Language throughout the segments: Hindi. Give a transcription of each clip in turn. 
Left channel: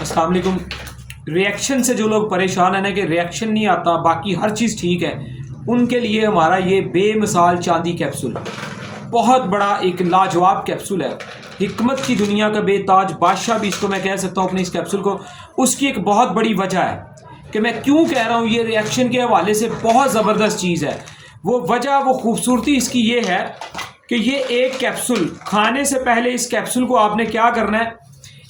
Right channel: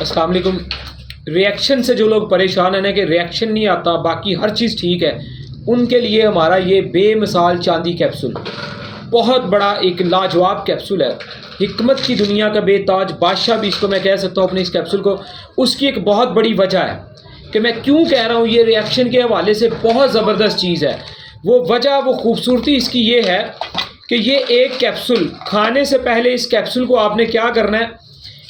अस्सलाम वालेकुम। रिएक्शन से जो लोग परेशान हैं ना कि रिएक्शन नहीं आता, बाकी हर चीज़ ठीक है, उनके लिए हमारा ये बेमिसाल चांदी कैप्सूल बहुत बड़ा एक लाजवाब कैप्सूल है। हिकमत की दुनिया का बेताज बादशाह भी इसको मैं कह सकता हूँ अपने इस कैप्सूल को। उसकी एक बहुत बड़ी वजह है कि मैं क्यों कह रहा हूँ ये रिएक्शन के हवाले से बहुत ज़बरदस्त चीज़ है। वो वजह, वो खूबसूरती इसकी ये है कि ये एक कैप्सूल खाने से पहले इस कैप्सूल को आपने क्या करना है,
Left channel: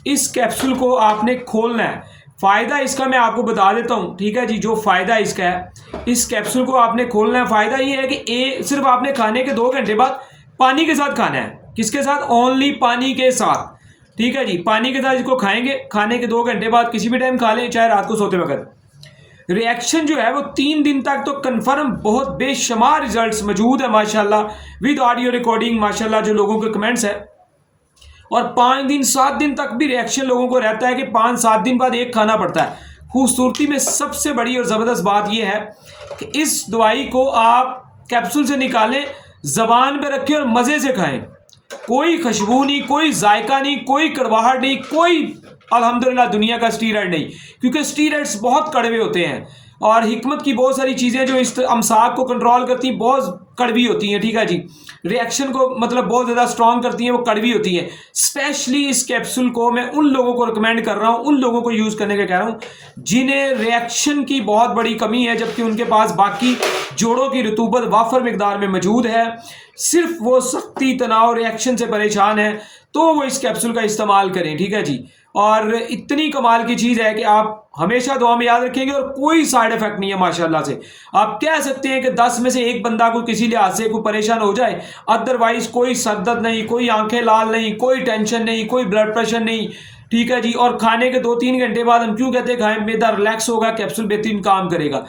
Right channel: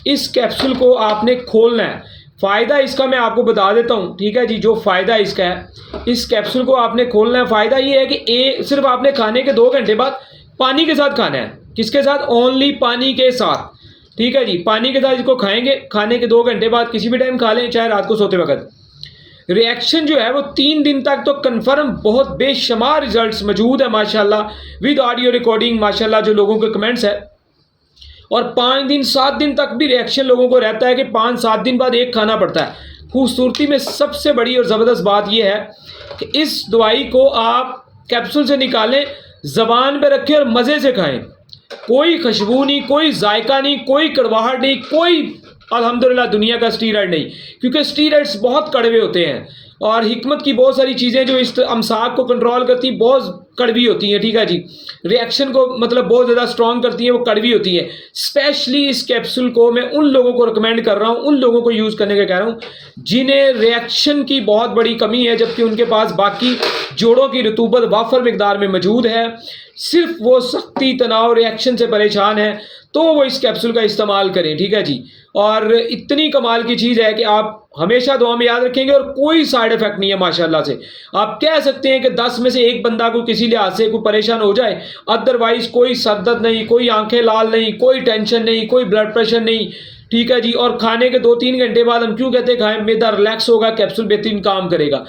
इस कैप्सूल को आपने खोलना है। फ़ायदा इसका मैं आपको बता देता हूँ, ठीक है जी। जो फ़ायदा इसका है, इस कैप्सूल को आपने खोलना है। फ़ायदा ये है कि सिर्फ आपने खाने के 2 घंटे बाद पानी के साथ खाना है। किसके साथ? ओनली पानी के साथ, ठीक है जी। पानी के साथ इसको खाएंगे, खाने के 2 घंटे बाद किसी भी टाइम खा लें, चाहे रात को सोते वक्त। रिएक्शन जो है वो 3 दिन तक तो कन्फर्म, बहुत बेशुमार रिजल्ट्स मौजूद है माशाल्लाह, विद ऑडियो रिकॉर्डिंग माशाल्लाह, जो लोगों के कमेंट्स है। और 5 दिन 7 दिन तक भी रिएक्शन लोगों को रहता है कि 5-7 दिन बाद एक खाना पड़ता है। खूबसूरती में सबसे बड़ी और ज़बरदस्त बात यह है कि इस दवाई को आप कैप्सूल से निकालें, ज़बान पे रखें और मज़े से खाएं। कोई खुशबू नहीं, कोई जायका नहीं, कोई कड़वाहट नहीं, कोई अल्हम्दुलिल्लाह दुनिया का स्टीरॉयड नहीं, क्योंकि स्टीरॉयड्स बहुत कड़वे होते हैं और हिकमत की बहुत सारी चीज़ें जो इस अमसाक को कंट्रोल करती हैं बहुत कड़वी होती हैं, ठीक है जी। रिएक्शन को मतलब बहुत ज़्यादा स्ट्रॉन्ग करती हैं, वो कड़वी होती हैं। स्पेशली इस कैप्सूल को मैं उन लोगों को रिकमेंड कर रहा हूँ, उन लोगों को यूज़ करने का कह रहा हूँ जिन्हें रिएक्शन की बहुत बड़ी कमी है, जबकि उनके पास बाकी जोड़ों की रतूबत वाफर मिकदार में मौजूद है। सिर्फ वो सख्ती, तनाव, रिएक्शन से परेशान है तो वो इस कैप्सूल का इस्तेमाल करें, ठीक है जी। और इतनी कमाल की चीज़ है कि आप हमेशा दुआ में याद रखेंगे और कोई साइड इफेक्ट नहीं है माशाल्लाह से। आप कह सकते हैं कि 10 में से एक बंदा को किसी लिहाज से कोई परेशान हो जाए, अदरवाइज कोई सर दर्द नहीं, कोई आंखें लाल नहीं, कोई टेंशन नहीं, कोई ब्लड प्रेशर नहीं, ठीक है जी। और खाने के 2-3 घंटे बाद हम क्यों कहते हैं खाएं, मैदा रिलैक्स होगा, कैप्सूल बेहतरीन काम करेगा।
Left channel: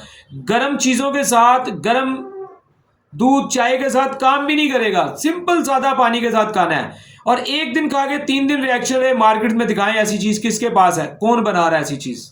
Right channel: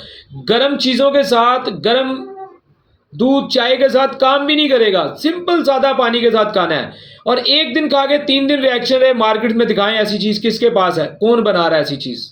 गर्म चीज़ों के साथ, गर्म दूध चाय के साथ काम भी नहीं करेगा, सिंपल सादा पानी के साथ खाना है। और एक दिन खा के 3 दिन रिएक्शन है, मार्केट में दिखाएं ऐसी चीज़ किसके पास है, कौन बना रहा है ऐसी चीज़।